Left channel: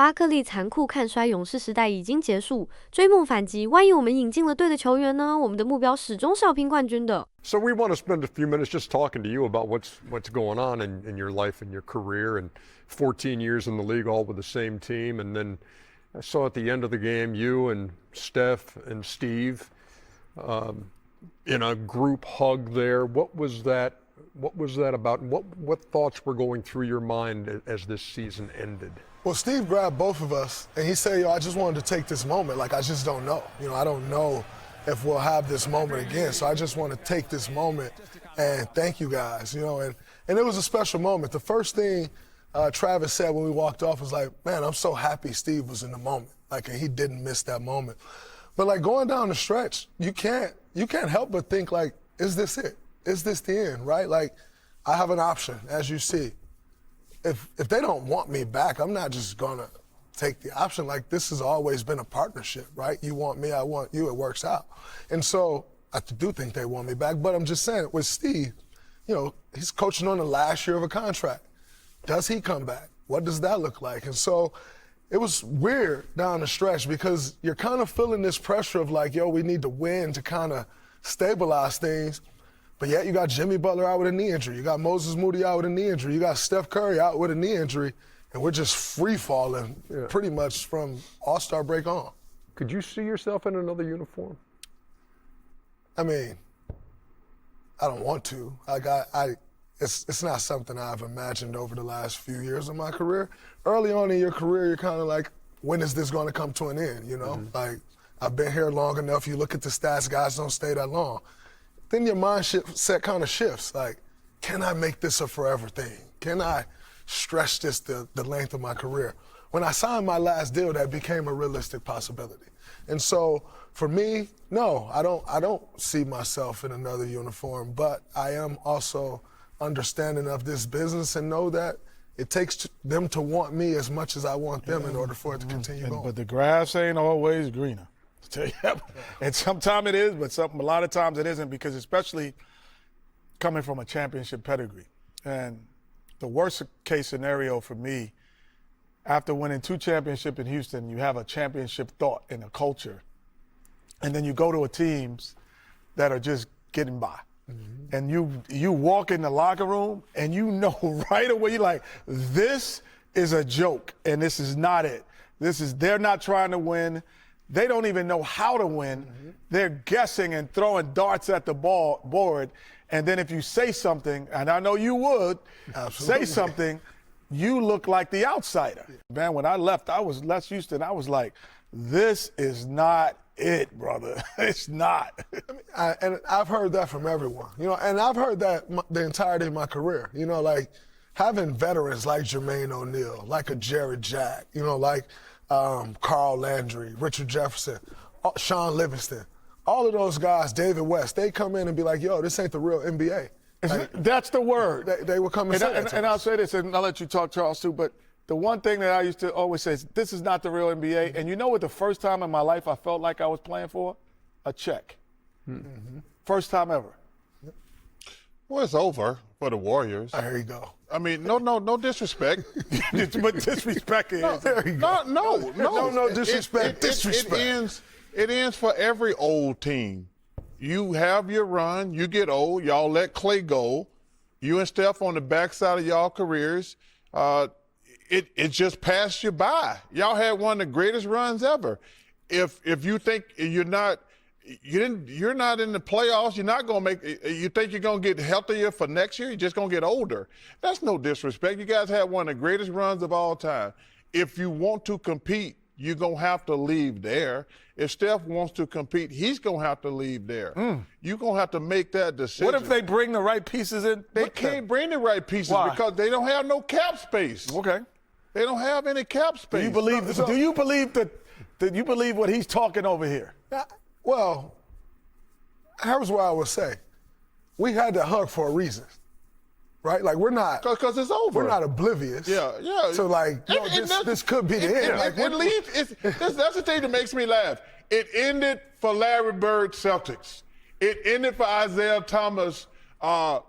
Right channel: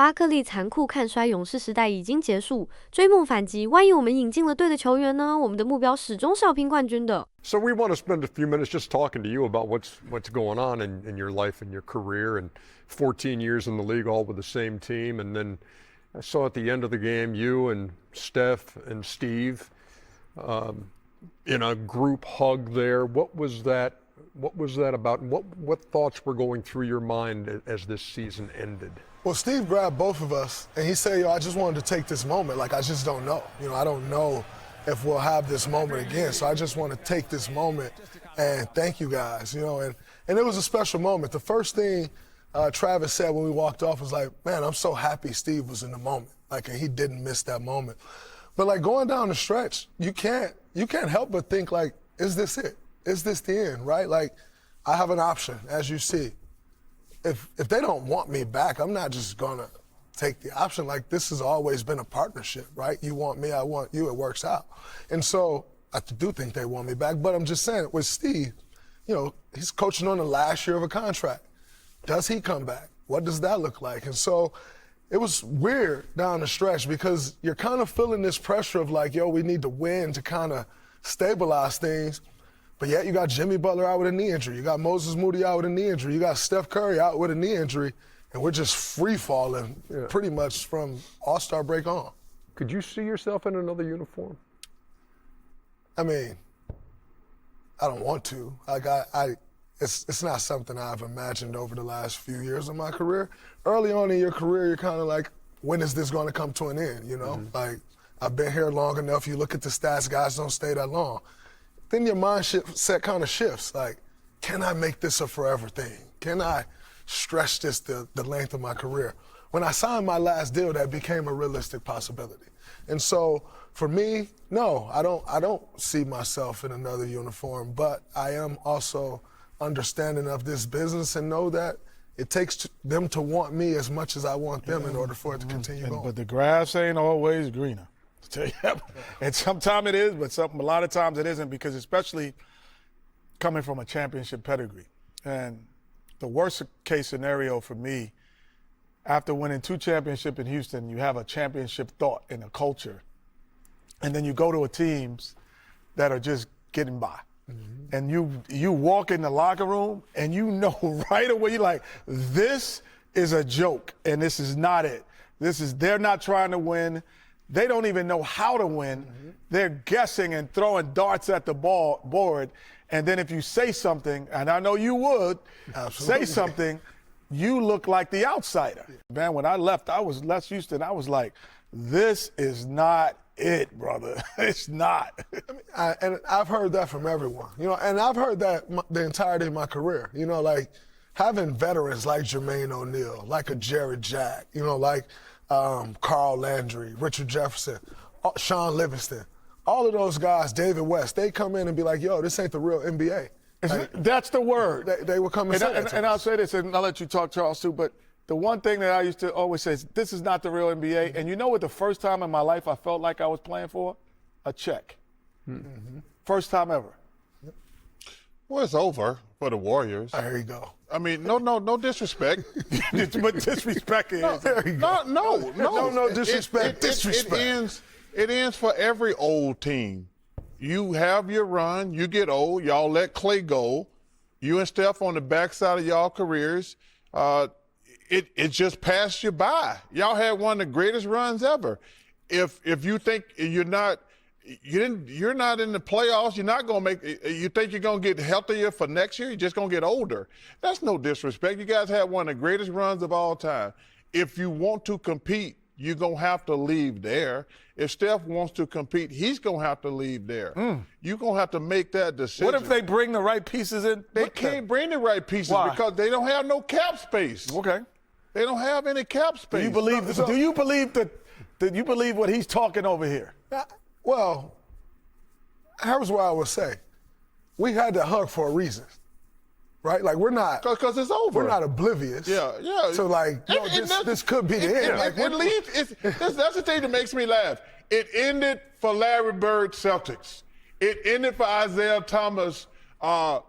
巴克利残酷看衰勇士时代已经结束，追梦反击，万一我们引进了对的球员呢？我们的目标始终是要拼冠军的。So we want to spend a few minutes just talking to you about what's going on in your life and your career, and 14 years in the league, all with the same team. And then I saw at the end of the game you and Steph and Steve in a group hug there. What was that about? What thoughts were going through your mind as this season ended? Well, Steve grabbed both of us, and he said, I just wanted to take this moment. Like, I just don't know. I don't know if we'll have this moment again. So I just want to take this moment and thank you guys, and it was a special moment. The first thing Travis said when we walked off was like, man, I'm so happy Steve was in the moment. Like, and he didn't miss that moment. But like going down the stretch, you can't help but think like, is this it? Is this the end, right? Like, I have an option, as you see. If they don't want me back, I'm not just gonna take the option. Like, this has always been a partnership, right? You want me, I want you, it works out. And so I do think they want me back, but I'm just saying, with Steve, he's coaching on the last year of a contract. Does he come back? What does that look like? And so it was weird down the stretch because you're kind of feeling this pressure of like, we need to win to kind of stabilize things. But yet you got Jimmy Butler out with a knee injury. You got Moses Moody out with a knee injury. You got Steph Curry out with a knee injury. And we're just free-falling pretty much from All-Star break on. Could you see yourself in another uniform? I mean, I don't want to. It's not something I've imagined over the last few years of my career. Early on in your career, you're kind of like, when is this going to come to an end, Mm-hmm. Like, I've been here long enough. You look at the stats, guys don't stay that long. Then your mindset kind of shifts. Like, can I make this a forever thing? Can I stretch this the length of my career? When I signed my last deal, that became a realistic possibility. And so for me, no, I don't see myself in another uniform, but I am also understanding of this business and know that it takes them to want me as much as I want them in order for it to continue going. But the grass ain't always greener. And sometimes it is, but a lot of times it isn't, because especially coming from a championship pedigree. And the worst case scenario for me, after winning 2 championships in Houston, you have a championship thought and a culture. And then you go to teams that are just getting by. Mm-hmm. And you walk in the locker room and you know right away, you're like, this is a joke and this is not it. They're not trying to win. They don't even know how to win. Mm-hmm. They're guessing and throwing darts at the board. And then if you say something, and I know you would, say something, you look like the outsider. Man, when I left Houston, I was like, this is not it, brother. It's not. And I've heard that from everyone, and I've heard that the entirety of my career, like having veterans like Jermaine O'Neal, like a Jared Jack, like Carl Landry, Richard Jefferson, Sean Livingston, all of those guys, David West, they come in and be like, this ain't the real NBA. Like, that's the word. They will come and say that to us. And I'll say this, and I'll let you talk, Charles, too, but the one thing that I used to always say is, this is not the real NBA. And you know what the first time in my life I felt like I was playing for? A check. Mm-hmm. First time ever. Well, it's over for the Warriors. There you go. I mean, no disrespect. But disrespect is. No disrespect. It ends for every old team. You have your run, you get old, y'all let Clay go. You and Steph on the backside of y'all careers. It just passed you by. Y'all had one of the greatest runs ever. If you think you're not in the playoffs, you're not gonna you think you're gonna get healthier for next year, you're just gonna get older. That's no disrespect. You guys had one of the greatest runs of all time. If you want to compete, you're gonna have to leave there. If Steph wants to compete, he's gonna have to leave there. You're gonna have to make that decision. What if they bring the right pieces in? They can't bring the right pieces. Why? Because they don't have no cap space. Okay. They don't have any cap space. Do you believe what he's talking over here? Well, here's what I would say. We had that hug for a reason, right? Like, we're not. Because it's over. We're not oblivious. Yeah. So, like, this could be the end. That's the thing that makes me laugh. It ended for Larry Bird Celtics. It ended for Isaiah Thomas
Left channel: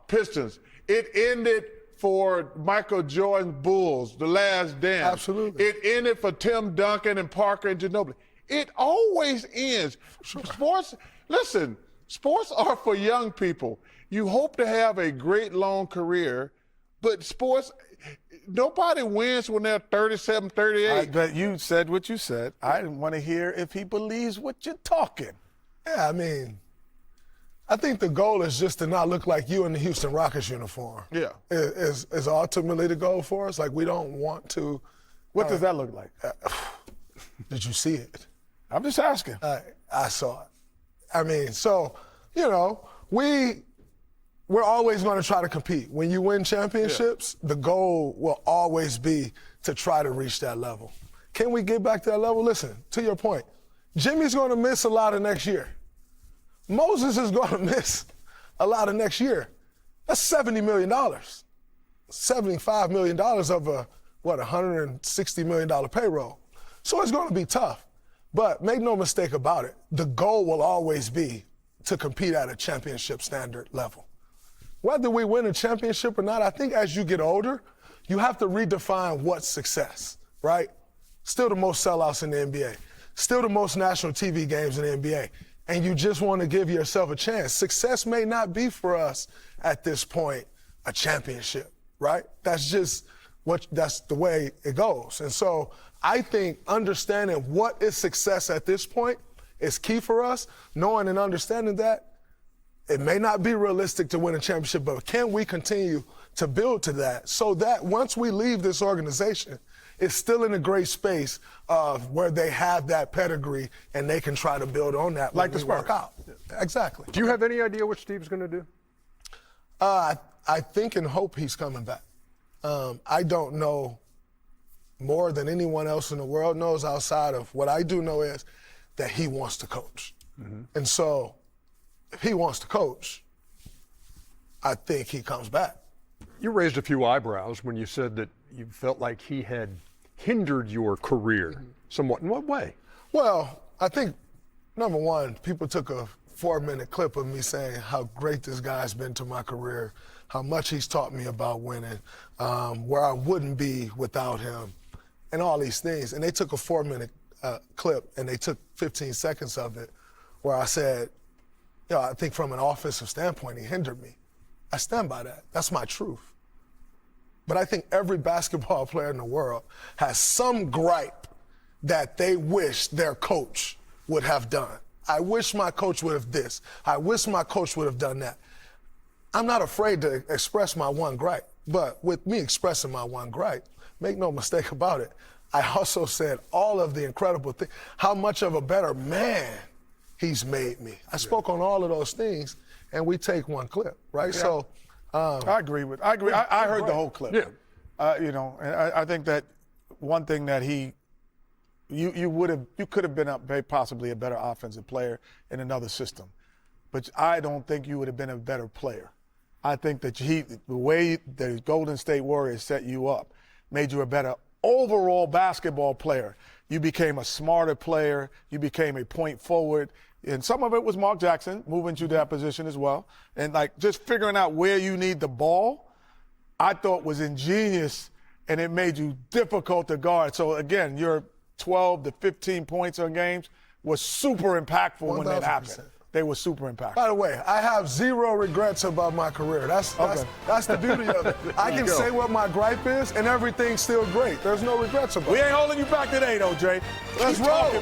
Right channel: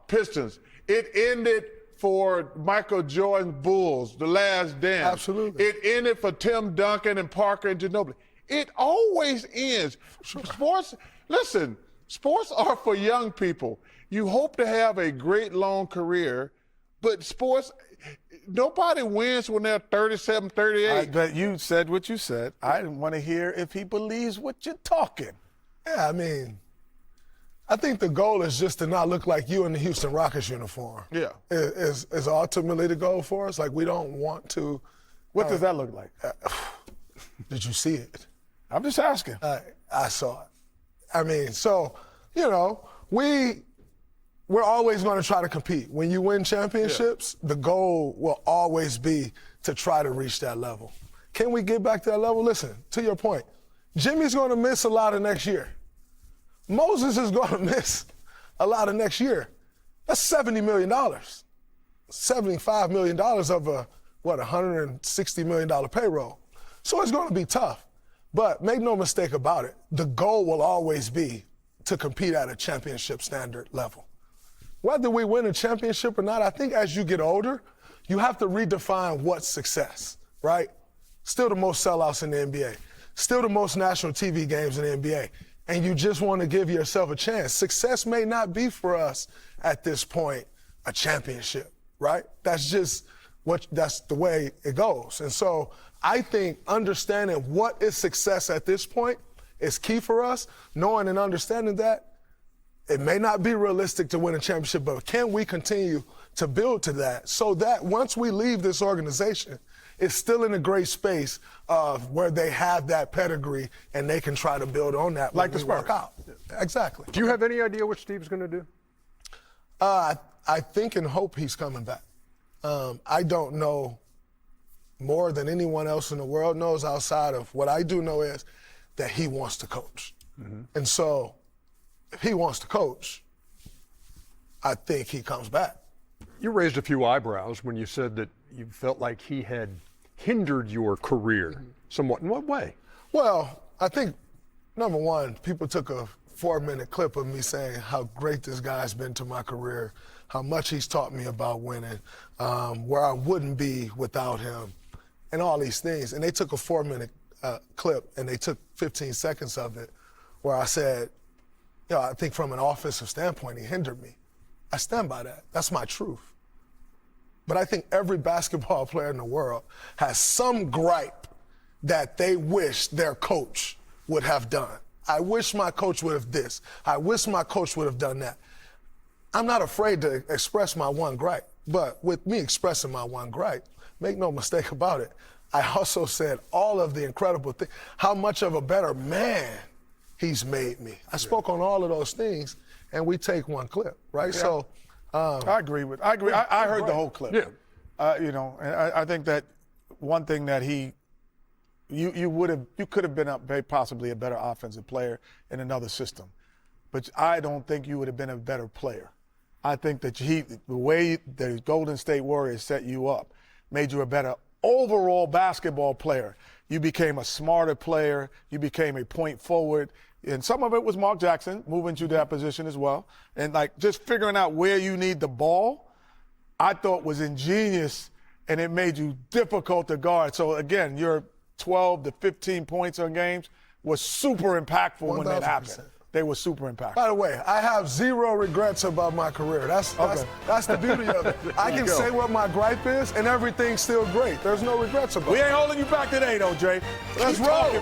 Pistons. It ended for Michael Jordan's Bulls, The Last Dance. Absolutely. It ended for Tim Duncan and Parker and Ginobili. It always ends. Sports, listen, sports are for young people. You hope to have a great long career, but sports, nobody wins when they're 37, 38. But you said what you said. I want to hear if he believes what you're talking. Yeah, I mean, I think the goal is just to not look like you in the Houston Rockets uniform. Yeah. Is ultimately the goal for us. Like, we don't want to. What does that look like? Did you see it? I'm just asking. I saw it. I mean, so, you know, we're always going to try to compete. When you win championships, the goal will always be to try to reach that level. Can we get back to that level? Listen, to your point, Jimmy's going to miss a lot of next year. Moses is going to miss a lot of next year. That's $70 million. $75 million of a, $160 million payroll. So it's going to be tough. But make no mistake about it, the goal will always be to compete at a championship standard level. Whether we win a championship or not, I think as you get older, you have to redefine what's success, right? Still the most sellouts in the NBA. Still the most national TV games in the NBA. And you just want to give yourself a chance. Success may not be for us at this point a championship, right? That's just that's the way it goes. And so I think understanding what is success at this point is key for us, knowing and understanding that it may not be realistic to win a championship, but can we continue to build to that so that once we leave this organization, it's still in a great space of where they have that pedigree and they can try to build on that like the Spurs. Out. Exactly. Do you have any idea what Steve's going to do? I think and hope he's coming back. I don't know more than anyone else in the world knows outside of what I do know is that he wants to coach. Mm-hmm. And so if he wants to coach, I think he comes back. You raised a few eyebrows when you said that you felt like he had hindered your career somewhat. In what way? Well, I think, number one, people took a 4-minute clip of me saying how great this guy's been to my career, how much he's taught me about winning, where I wouldn't be without him, and all these things. And they took a 4-minute clip, and they took 15 seconds of it where I said, you know, I think from an offensive standpoint, he hindered me. I stand by that. That's my truth. But I think every basketball player in the world has some gripe that they wish their coach would have done. I wish my coach would have this. I wish my coach would have done that. I'm not afraid to express my one gripe. But with me expressing my one gripe, make no mistake about it, I also said all of the incredible things, how much of a better man he's made me. I spoke on all of those things, and we take one clip, right? Yeah. So I agree. I heard the whole clip. Yeah. You know, and I think that one thing that you could have been very possibly a better offensive player in another system, but I don't think you would have been a better player. I think that the way the Golden State Warriors set you up made you a better overall basketball player. You became a smarter player. You became a point forward. And some of it was Mark Jackson moving to that position as well. And like just figuring out where you need the ball, I thought was ingenious, and it made you difficult to guard. So again, your 12 to 15 points on games was super impactful 100%. When that happened. They were super impactful. By the way, I have zero regrets about my career. That's the beauty of it. I can say what my gripe is, and everything's still great. There's no regrets about it. We ain't holding you back today, though, Jay. Let's roll.